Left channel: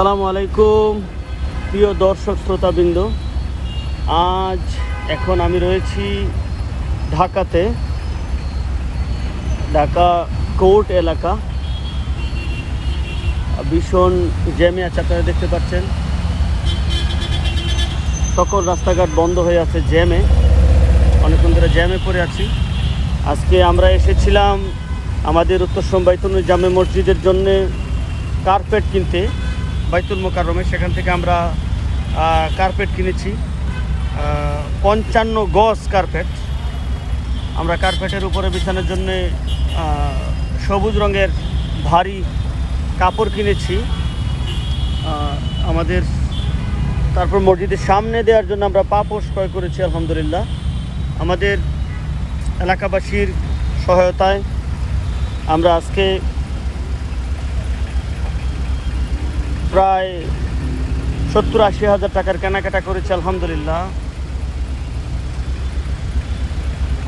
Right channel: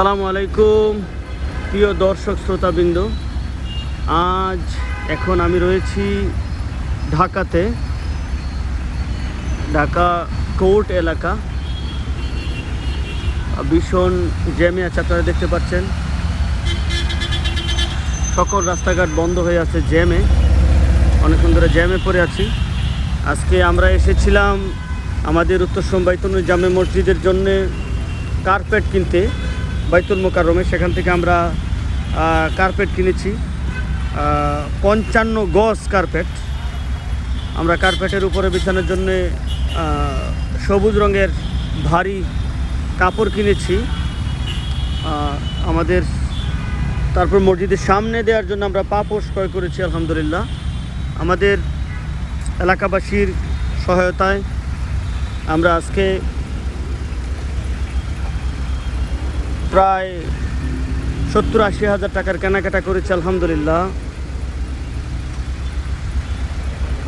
আসসালামু আলাইকুম, প্রিয় দর্শক শ্রোতাবৃন্দ। আজ এখন আমি রয়েছি ঢাকাতে, ঢাকা কোর্ট এলাকা। ভীষণ জ্যামে আছে আপনারা দেখতে পাচ্ছেন। সকল রাস্তাঘাট বন্ধ হয়ে আছে জ্যামে। অনেকক্ষণ ধরে জ্যামে পড়ে আছি। আজকে আমরা এসেছিলাম আমাদের উত্তর সোম বাইতুল জামে মসজিদের জন্যে কার্পেট কিনতে। বাইতুল মোকারমে সেখান থেকে আমরা কার্পেট কিনেছি। পঞ্চান্ন গজ কার্পেট আমরা কার্পেটের উপরে বিছানোর জন্যে সবুজ রঙের ভারী কাপড় কিনেছি। আমাদের, তারপর মসজিদের সামনে দেওয়ার জন্য আমরা পাপোশ ক্রয় করেছি, আলহামদুলিল্লাহ। আমাদের এলাকাবাসীর সহায়তায় আমরা আজকে প্রায় সত্তর আশি হাজার টাকার কেনাকাটা করেছি, আলহামদুলিল্লাহ।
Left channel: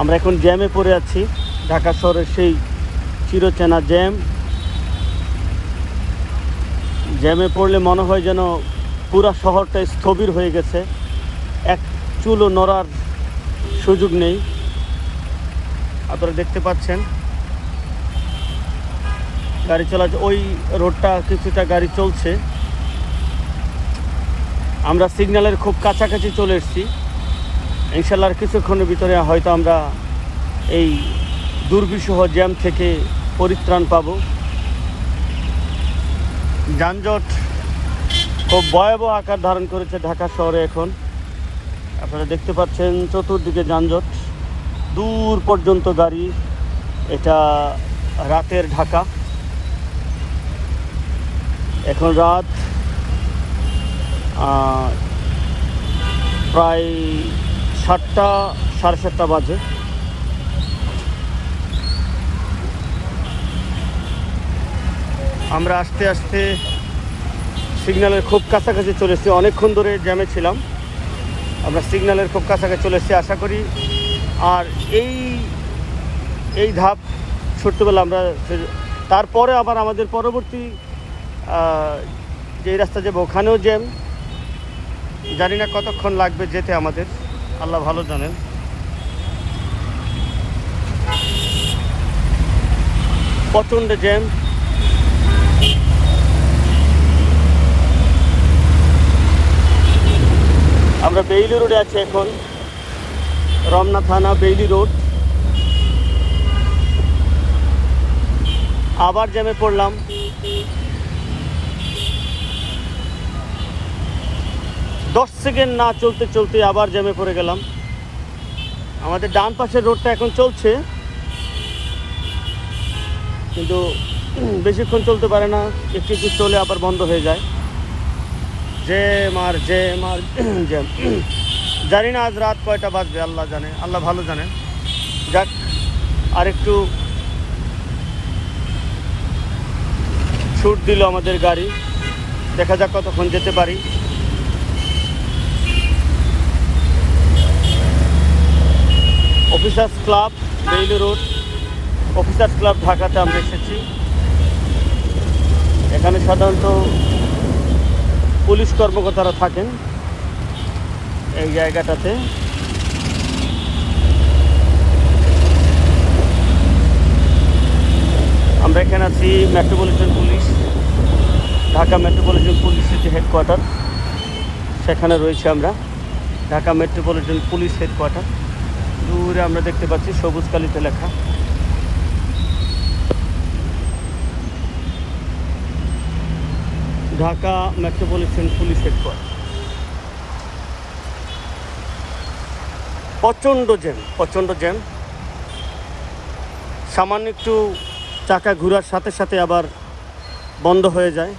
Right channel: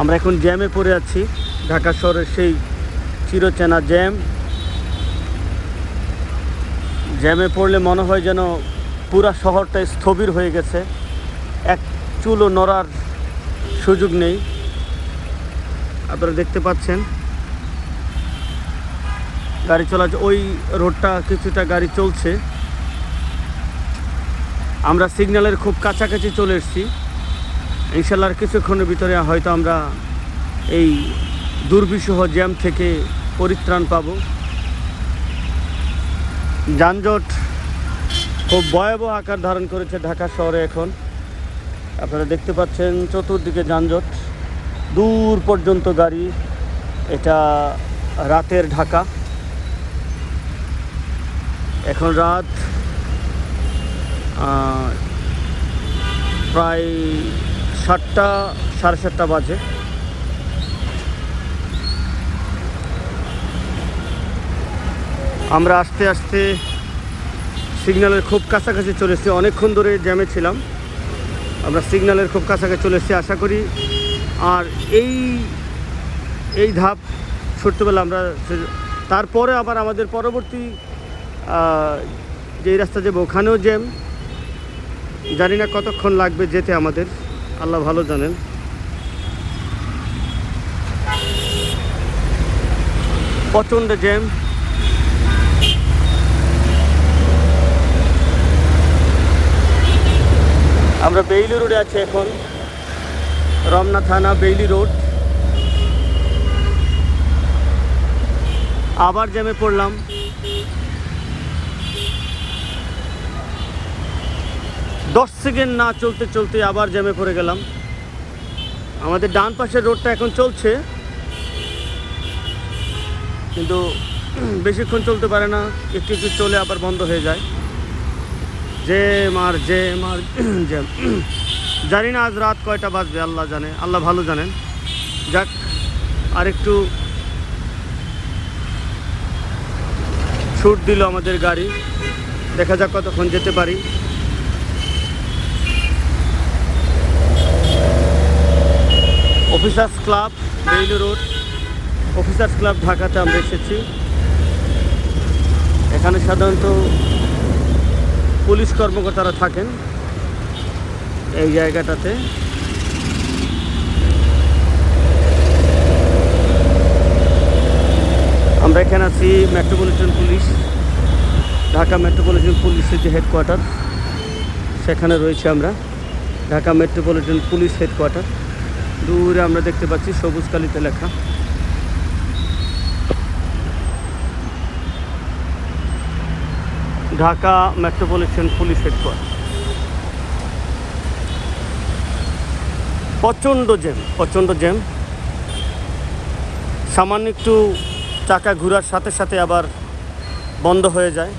আমরা এখন জ্যামে পড়ে আছি, ঢাকা শহরের সেই চিরচেনা জ্যাম। জ্যামে পড়লে মনে হয় যেন পুরা শহরটা স্থবির হয়ে গেছে। এক চুলও নড়ার সুযোগ নেই। আপনারা দেখতে পাচ্ছেন। গাড়ি চলাচল, ওই রোডটা কিছুটা গাড়ি চলছে। আমরা সিগন্যালের খুব কাছাকাছি চলে এসেছি। ইনশাল্লাহ কিছুক্ষণের ভিতরে হয়তো আমরা এই দুর্বিষহ জ্যাম থেকে পরিত্রাণ পাব। যানজট খুব ভয়াবহ আকার ধারণ করেছে ঢাকা শহরে এখন। আপনারা দেখতে পাচ্ছেন চতুর্দিকে যানজট। দূর পর্যন্ত গাড়ি, এটা রাতের ঢাকা। এখন রাত প্রায় সাতটা, সাড়ে সাতটা বাজে। আমরা আস্তে আস্তে সিগন্যালের খুব কাছাকাছি চলে এসেছি। অনেকক্ষণ ধরে জ্যামে ছিলাম। আমরা সিগন্যালের খুব কাছাকাছি চলে এসেছি, আশা করি। আর এই এই ধাপ ছোট্টবেলা আমরা তারপরে আবার আমাদের পরবর্তী যেই রাস্তা যাব ওখানেও জ্যাম জানি না কতক্ষণ লাগবে যেতে আমাদের, আল্লাহ ভালো জানেন। প্রচণ্ড জ্যাম। আমরা বেইলি রোডে আছি এখন, রমনা থানা, বেইলি রোড। আবার জ্যামে পড়লাম। দশ সেকেন্ড না চলতে চলতে আবার জ্যামে পড়ে গেলাম। আমাদের ডান পাশের রোডটা এখন চলছে। কিন্তু বেশিক্ষণ চলতে পারে না, একটু একটু চলে আবার বন্ধ হয়ে যায়। জ্যাম আর জ্যাম আর জ্যাম। জানি না আজ রাত কয়টা বাজবে, আল্লাহ জানে, আল্লাহ ভালো জানেন। যাক, আর একটু ছুট দিল আমাদের গাড়ি। দেখা যাক কতক্ষণ যেতে পারি officers club railway road officers club ঢাকাতে আমরা এসেছি। এখানে সাধারণত পুলিশ কর্মকর্তারা থাকেন এই জায়গাটাতে। আমরা এখানে আছি মেট্রোপলিটন পুলিশ, ঢাকা মেট্রোপলিটন পুলিশের যে হেডকোয়ার্টার সেখানে রয়েছে আমরা। ঢাকা মেট্রোপলিটন পুলিশ হেডকোয়ার্টার দূরে আমরা দেখতে পাচ্ছি সবুজ কালিতে লেখা। Dhaka metropolitan police headquarter. প্রচণ্ড জ্যাম প্রচণ্ড জ্যাম। সামান্য একটু চাকা ঘোরার সাথে সাথে আবার বন্ধ হয়ে যায়।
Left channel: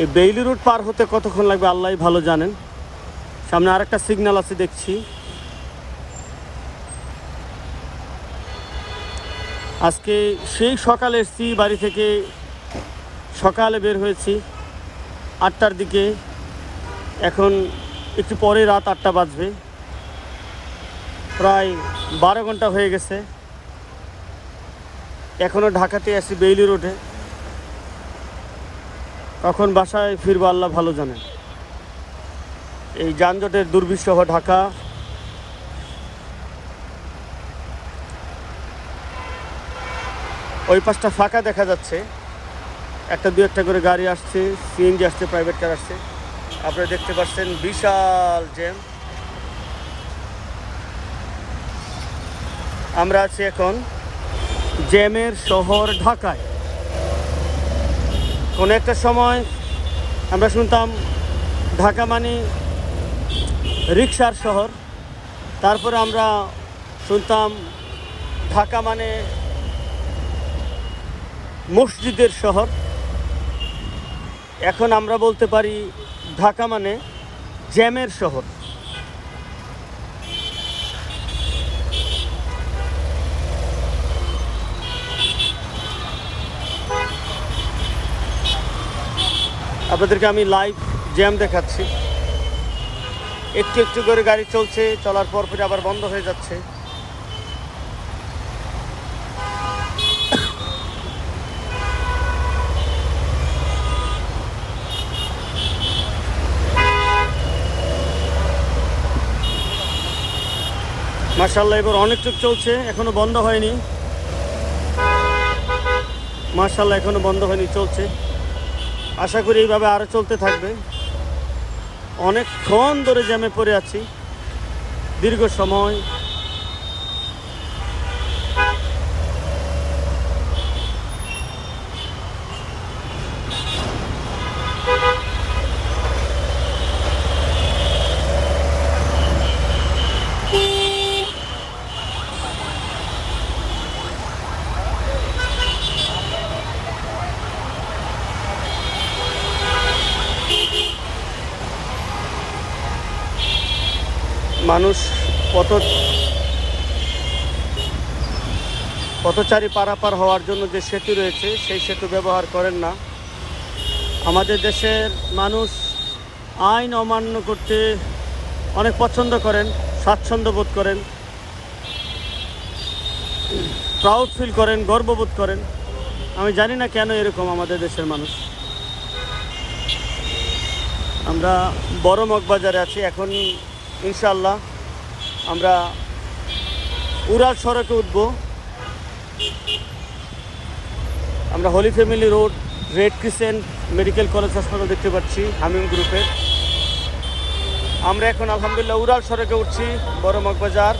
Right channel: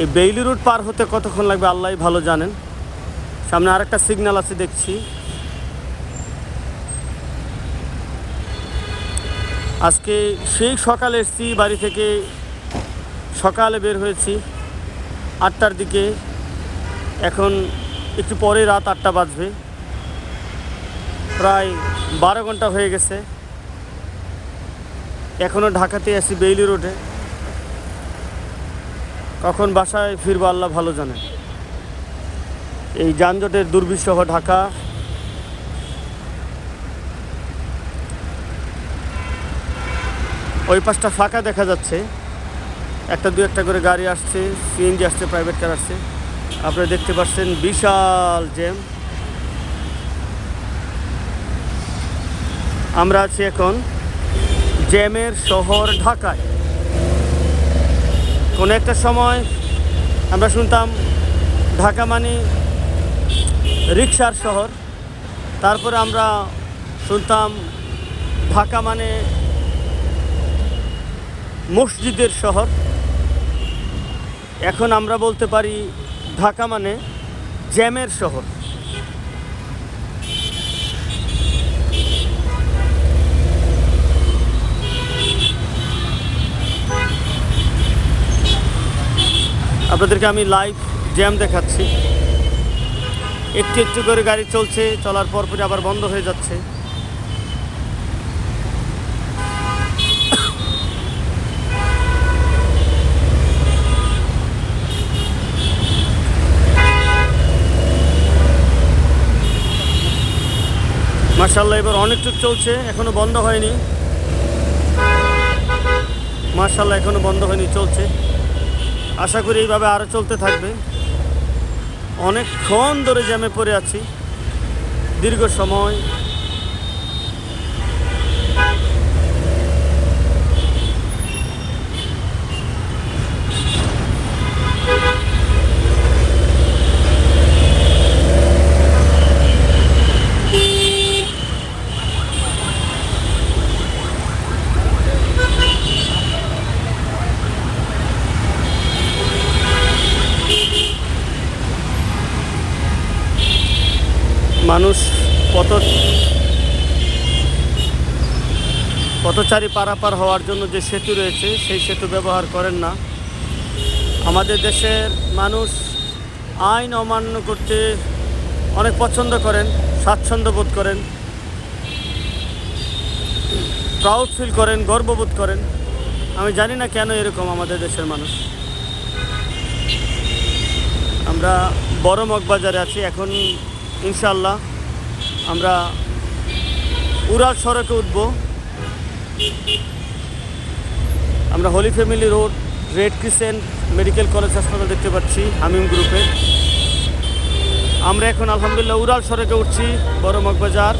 এই বেইলি রোড পার হতে কতক্ষণ লাগবে আল্লাহ ভালো জানেন। সামনে আরেকটা সিগন্যাল আছে দেখছি। আজকে সেই সকালে এসেছি বাড়ি থেকে সকালে বের হয়েছি, আটটার দিকে। এখন একটু পরে রাত আটটা বাজবে। প্রায় বারো ঘণ্টা হয়ে গেছে। এখনও ঢাকাতে আছি বেইলি রোডে। কখন বাসায় ফিরবো আল্লাহ ভালো জানে। এই যানজটের দুর্বিষহ ঢাকা। ওই পাশটা ফাঁকা দেখা যাচ্ছে। একটা দু একটা করে গাড়ি আসছে সিএনজি আসছে প্রাইভেট কার আসছে। আপনারা দেখতে পাচ্ছেন বিশাল জ্যাম আমরা আছি এখন জ্যামের শহর ঢাকায়। কোনো একটা সময় আমরা শুনতাম ঢাকা মানে রিক্সার শহর, তারপরে আমরা শুনতাম ঢাকা মানে মসজিদের শহর। এখন আমরা বলতে পারি ঢাকা মানে জ্যামের শহর। আপনাদেরকে আমি লাইভ জ্যাম দেখাচ্ছি। একটু একটু করে গাড়ি চলছে, চলার পর পরে আবার বন্ধ হয়ে যাচ্ছে। মার্শাল্লাহ এবার অনেক চুপ চলছে, এখনও বন্ধ হয়নি। মার্শাল্লাহ এখনও বন্ধ হয়নি, চলছে। আশা করি এইভাবে আরও চলতে থাকবে। অনেকক্ষণ ধরে জ্যামে পড়ে আছি। দীর্ঘ সময় মানুষ পথ পথচারী পারাপার হওয়ার জন্য যে সেতু রয়েছে, সেই সেতু ব্যবহার করেন না। আমাদের দেশের মানুষ আইন অমান্য করতে অনেক পছন্দ করেন, স্বাচ্ছন্দ্য বোধ করেন প্রাউড ফিল করেন, গর্ববোধ করেন। আমি জানি না কেন এরকম আমাদের দেশের মানুষ। আমরা বড় মগবাজারে আছি, এখন ইনশাল্লাহ আমরা উড়াল সড়কে উঠব। আমরা Holy Family road, red crescent medical college হাসপাতাল দেখতে পাচ্ছি, হামিম গ্রুপের আমরা এখন আলহামদুলিল্লাহ উড়াল সড়কে উঠছি, বড় মগবাজার।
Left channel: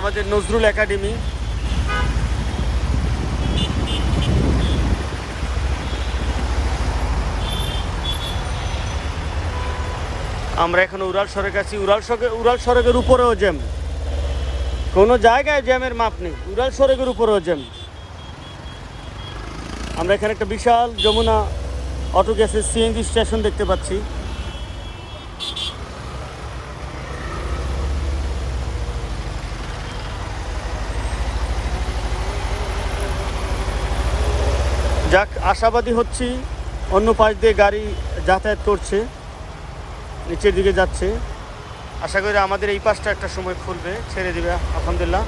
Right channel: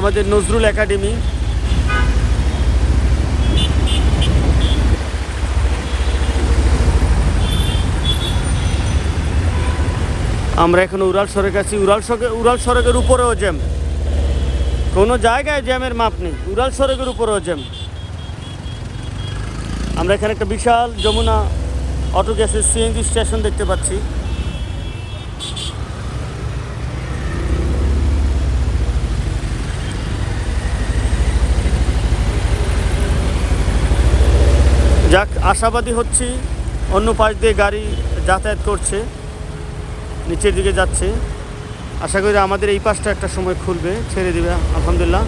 আমাদের নজরুল একাডেমি। আমরা এখন উড়াল সড়ক আছি। উড়াল সড়কে, উড়াল সড়কের উপরেও জ্যাম। কোনো জায়গায় জ্যামের মাপ নেই। উড়াল সড়কের উপরেও জ্যাম। আমরা এখানে একটা বিশাল যমুনা অটো গ্যাসের সিএনজি স্টেশন দেখতে পাচ্ছি যাক আশাবাদী হচ্ছি, অন্য পাশ দিয়ে গাড়ি যাতায়াত করছে, নিচের দিকে যাচ্ছে। আশা করি আমাদের এই পাশটা একটা সময় খুলবে, ছেড়ে দিবে, আলহামদুলিল্লাহ।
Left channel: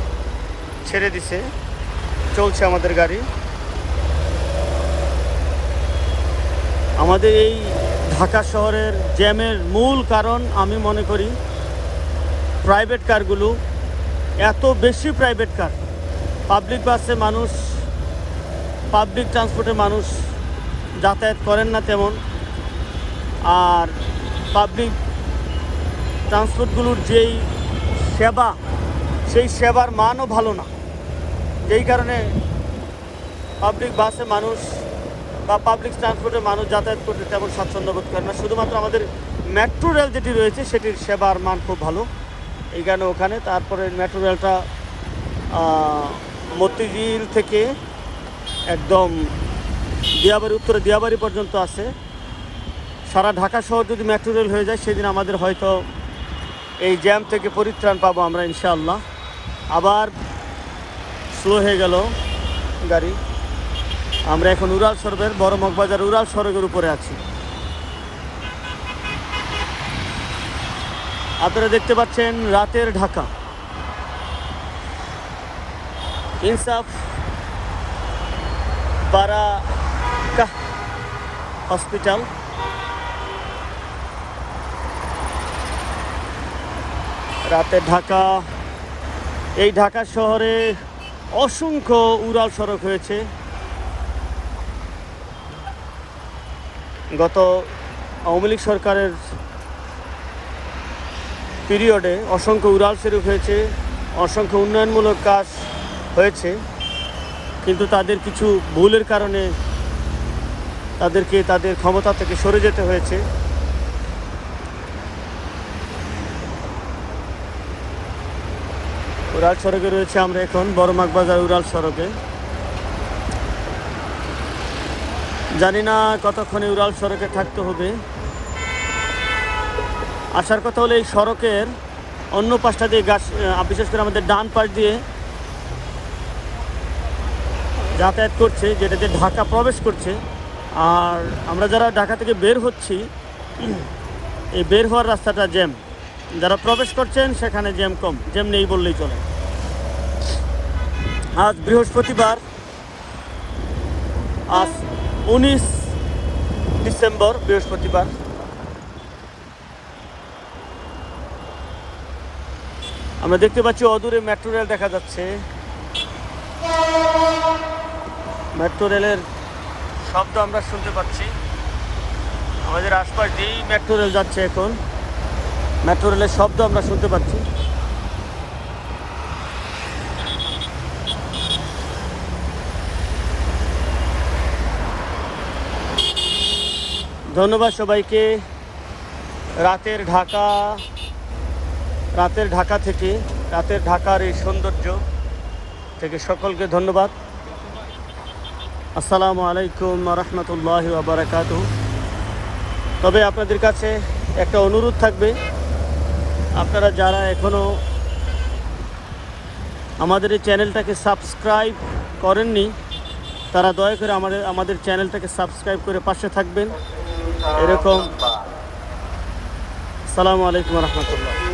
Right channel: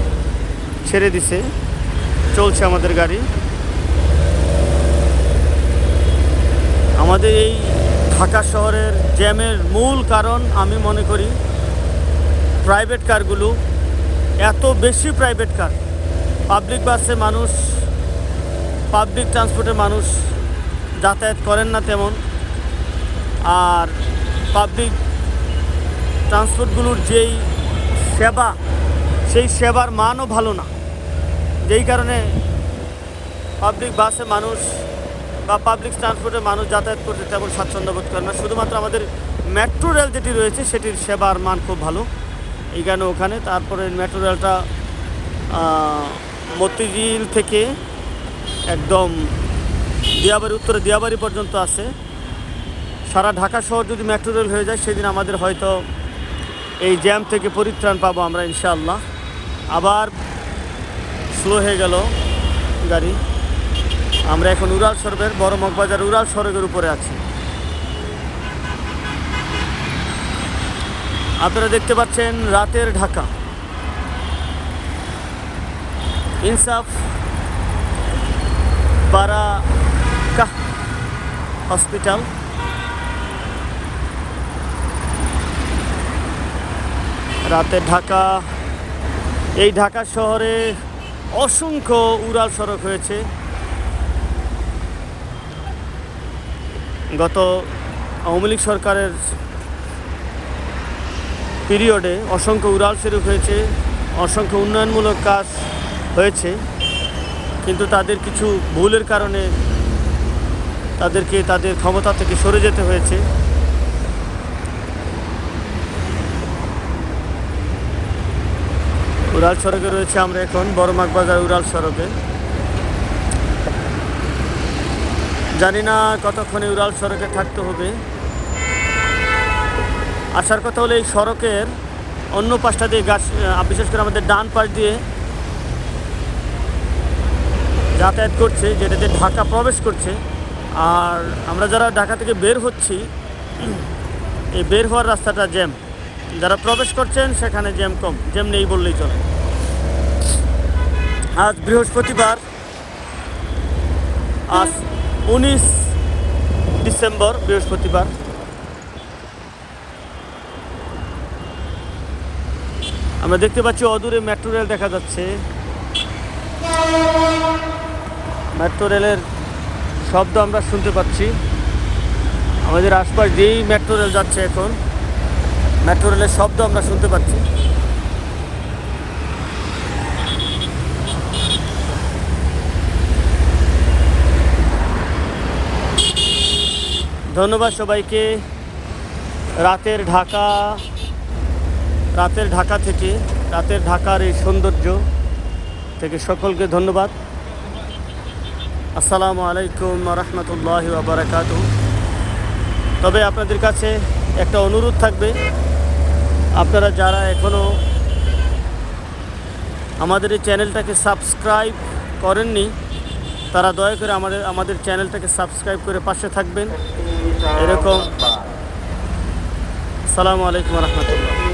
ছেড়ে দিছে, চলছে আমাদের গাড়ি। আমাদের এই ঢাকা শহরের জ্যামের মূল কারণ আমি মনে করি প্রাইভেট কারগুলো এত বেশি প্রাইভেট কার পাবলিক বাসে মানুষ পাবলিক ট্রান্সপোর্টে মানুষ যাতায়াত করেন না তেমন। আর পাবলিক ট্রান্সপোর্টগুলোর যেই সেবা, সেই সেবার মানও ভালো না। যেই কারণে পাবলিক বাসে মানুষ বা পাবলিক ট্রান্সপোর্টে মানুষ যাতায়াত করতে তেমন স্বাচ্ছন্দ্য বোধ করে না। শুধুমাত্র আমাদের মেট্রো রেল যেটি রয়েছে, সেটির সেবার মান খুব ভালো। এই কারণে ওখানে তারপরে মেট্রো রেলটা মতিঝিল থেকে একদম দিয়াবাড়ি উত্তরে দিয়াবাড়ি পর্যন্ত আছে। সারা ঢাকা শহর যদি মেট্রো রেল হয়ে যায়, সেদিন আমাদের হয়তো এই জ্যাম থেকে পরিত্রাণ পাবো আমরা, ইনশাআল্লাহ। আবার স্লো হয়ে গেল গাড়ি। আমরা এখন উড়াল সড়কের বড় মগবাজার উড়াল সড়কের উপরে আছি। আপনারা দেখতে পাচ্ছেন রাতের ঢাকা। ইনসাফ বারাকাহ হসপিটাল। রাতে ঢাকা, এই ঢাকা শহরে অসংখ্য উড়াল সড়ক হয়েছে। গত আওয়ামী লীগ সরকারের পিরিয়ডে অসংখ্য উড়াল সড়ক হয়েছে, অসংখ্য উন্নয়নমূলক কাজ হয়েছে। কিন্তু তাদের কিছু ভুলের কারণে তাদেরকে, তাদের ক্ষমতা থেকে সরে যেতে হয়েছে। উড়াল সড়কে রয়েছে আমরা এখন বড়মাক বাজার উড়াল সড়কে। জানি না কতক্ষণে উড়াল সড়কে থাকতে হবে। আসার কথা হলো এই সড়কের অন্য পাশটা দিয়ে গাছ বিশেষ করে আমাদের ডান পাশ দিয়ে যাতায়াত করছে, যেটাতে ঢাকা প্রবেশ করছে। আর আমরা যারা ঢাকা থেকে বের হচ্ছি, এই বের হওয়ার রাস্তাটা জ্যাম। যারা প্রবেশ করছেন, সেখানে জ্যাম কম। জ্যাম নেই বললেই চলে। আজ বৃহস্পতিবার, আজ উনিশ ডিসেম্বর বৃহস্পতিবার। আমরা দেখতে পাচ্ছি অদূরে মেট্রো রেল দেখা যাচ্ছে। মেট্রো রেলের শব্দ আমরা শুনতে পাচ্ছি। আমাদের আশপাশ যেই মেট্রো রেল যাচ্ছে এখন। মেট্রো রেলের শব্দ আমরা শুনতে পাচ্ছি। ধন্যবাদ সবাইকে। রাতের ঢাকা রাতের ঢাকা থেকে, রাতের ঢাকার এই সৌন্দর্য থেকে সকলকে ধন্যবাদ। আসসালামু আলাইকুম রহমতুল্লাহ বারাকাত তবে আপনাদের কাছে একটা অনুরোধ থাকবে। আপনারা যারা এখনও আমাদের এই চ্যানেলটাকে সাবস্ক্রাইব করেননি, তারা দয়া করে আমাদের আমাদের চ্যানেলটাকে সাবস্ক্রাইব করে পাশে থাকবেন। এরকম। সালামু আলাইকুম রহমতুল্লাহ।